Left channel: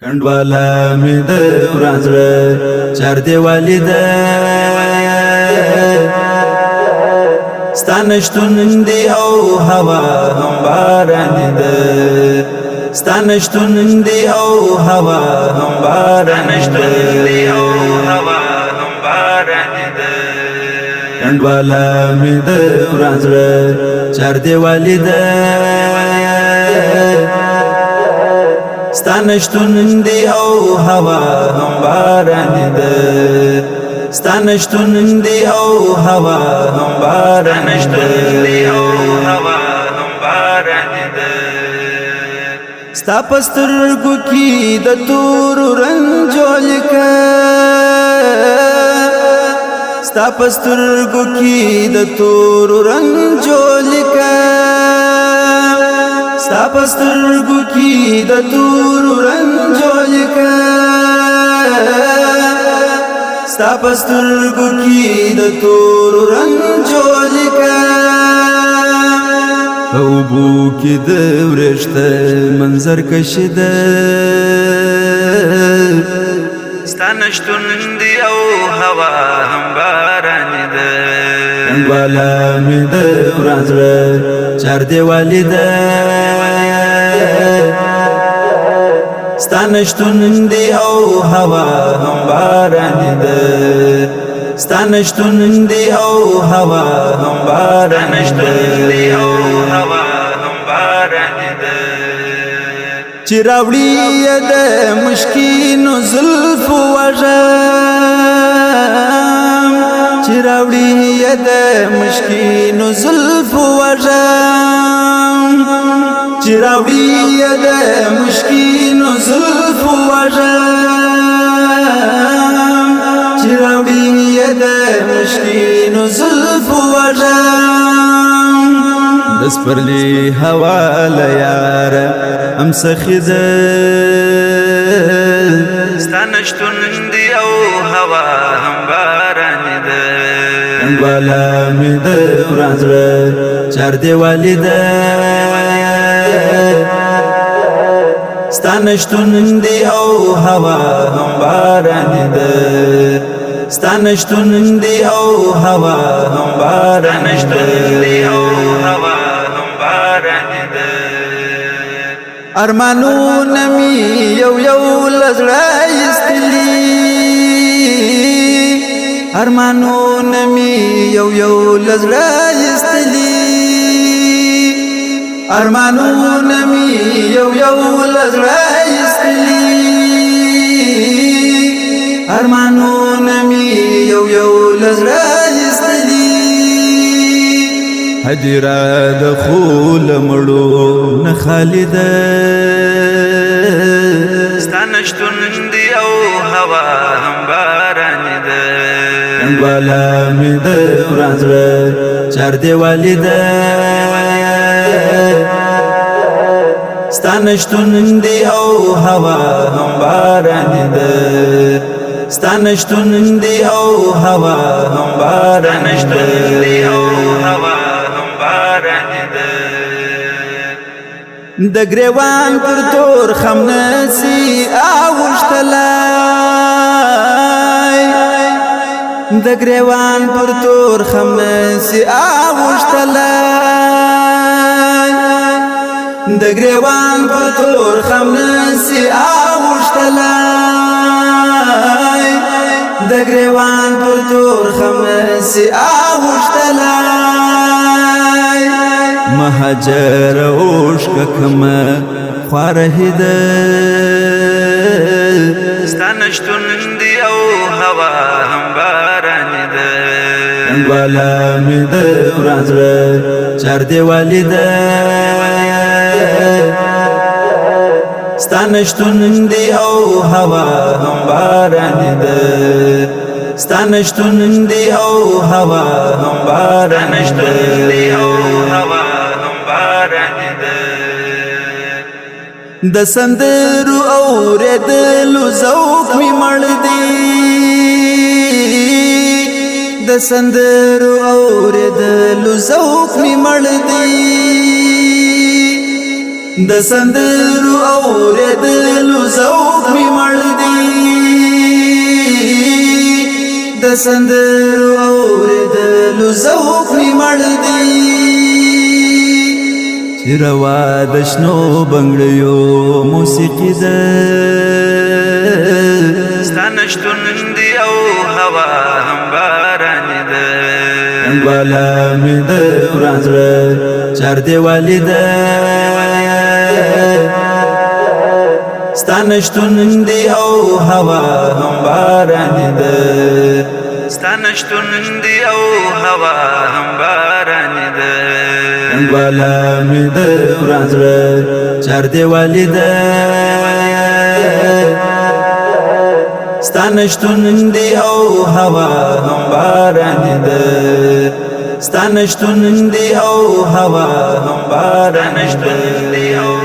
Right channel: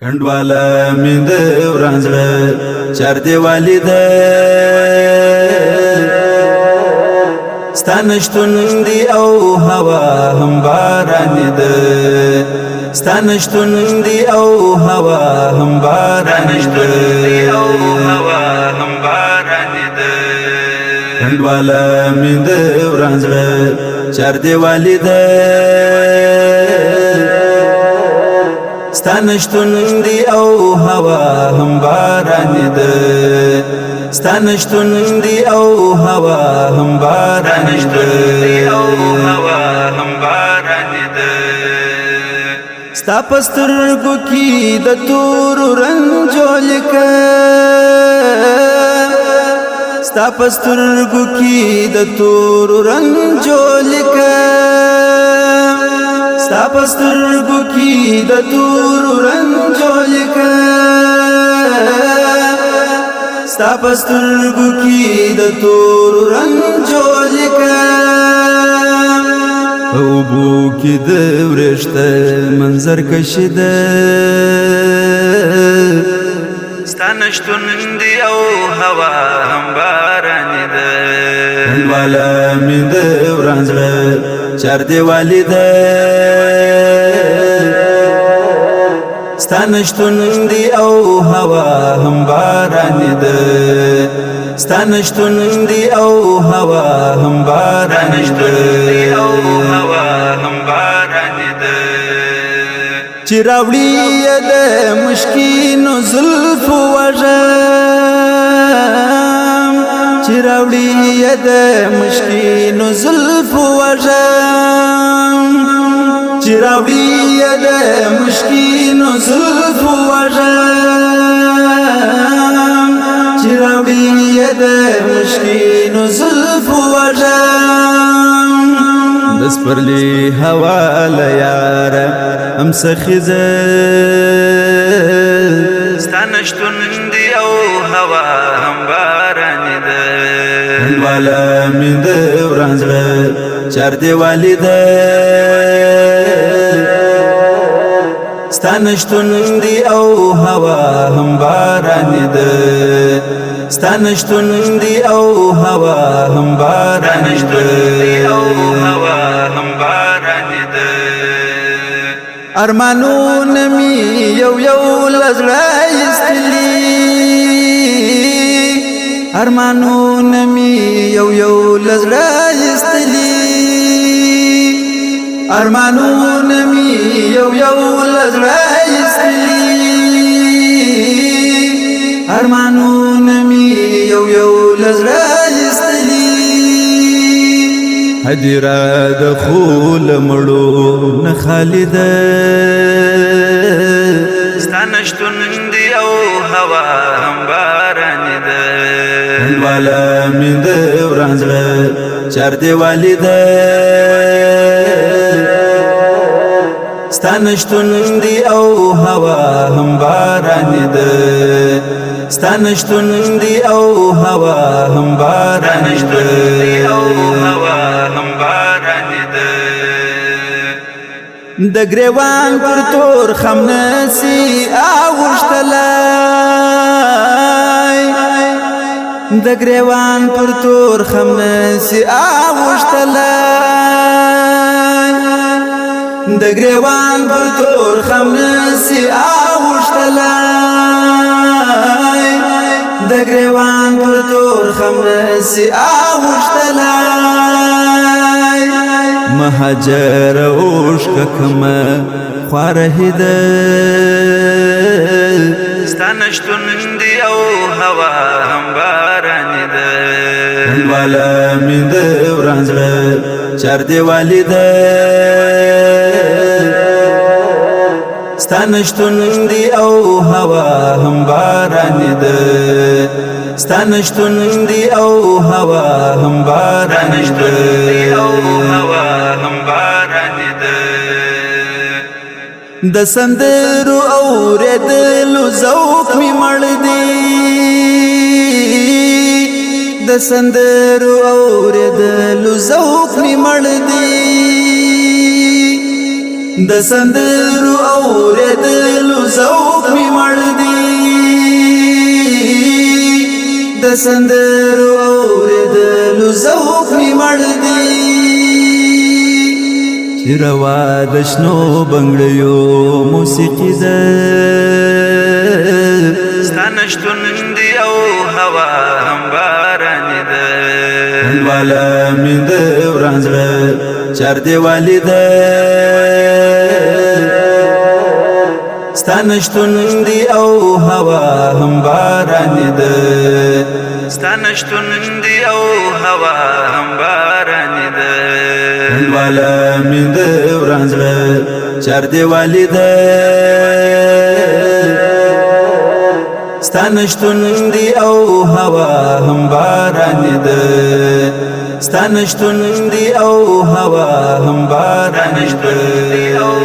کنډواله مې د وران زړه چار دیوالې ده ستا نشتون دی او هوا هم بارانې ده ستا نشتون دی او هوا هم بارانې ده کنډواله مې د وران زړه چار دیوالې ده ستا نشتون دی او هوا هم بارانې ده ستا نشتون دی او هوا هم بارانې ده ستا په سترګو کې د تورو رنجو لیکه ستا په سترګو کې د تورو رنجو لیکه ستا په سترګو کې د تورو رنجو لیکه ستا په سترګو کې د تورو رنجو لیکه اوبو کې د ورشته منظر کشي ده ستا نشتون دی او هوا هم بارانې ده کنډواله مې د وران زړه چار دیوالې ده ستا نشتون دی او هوا هم بارانې ده ستا نشتون دی او هوا هم بارانې ده چې راوړي د مشکینو زلفو وژم چې راوړي د مشکینو زلفو وژم چې راوړي د مشکینو زلفو وژم چې راوړي د مشکینو زلفو وژم د سپرلی هوا لیار ام سخی ده ستا نشتون دی او هوا هم بارانې ده کنډواله مې د وران زړه چار دیوالې ده ستا نشتون دی او هوا هم بارانې ده ستا نشتون دی او هوا هم بارانې ده ارمانونه مې یو لزړه ایستلي ارمانونه مې یو لزړه ایستلي ارمانونه مې یو لزړه ایستلي ارمانونه مې یو لزړه ایستلي هدیره د خول مړو نه خالی ده ستا نشتون دی او هوا هم بارانې ده کنډواله مې د وران زړه چار دیوالې ده ستا نشتون دی او هوا هم بارانې ده ستا نشتون دی او هوا هم بارانې ده د ګریوان پر تور خمنسي اوښتلای د ګریوان پر تور خمنسي اوښتلای د ګریوان پر تور خمنسي اوښتلای د ګریوان پر تور خمنسي اوښتلای مهاجر اوښکه کمه خواره ده ستا نشتون دی او هوا هم بارانې ده کنډواله مې د وران زړه چار دیوالې ده ستا نشتون دی او هوا هم بارانې ده ستا نشتون دی او هوا هم بارانې ده د سندرو اورېدلو ذوق مې مړ دی د سندرو اورېدلو ذوق مې مړ دی د سندرو اورېدلو ذوق د سندرو اوریدلو ذوق می مړ دی چې روا د شنو بنګړیو موسیقي ده ستا نشتون دی او هوا هم باراني ده والا من د وران زړه چار دیوالي ده ستا نشتون دی او هوا هم باراني ده ستا نشتون دی او هوا هم باراني ده والا من د وران زړه چار دیوالي ده ستا نشتون دی او هوا هم باراني ده ستا نشتون دی او هوا هم باراني ده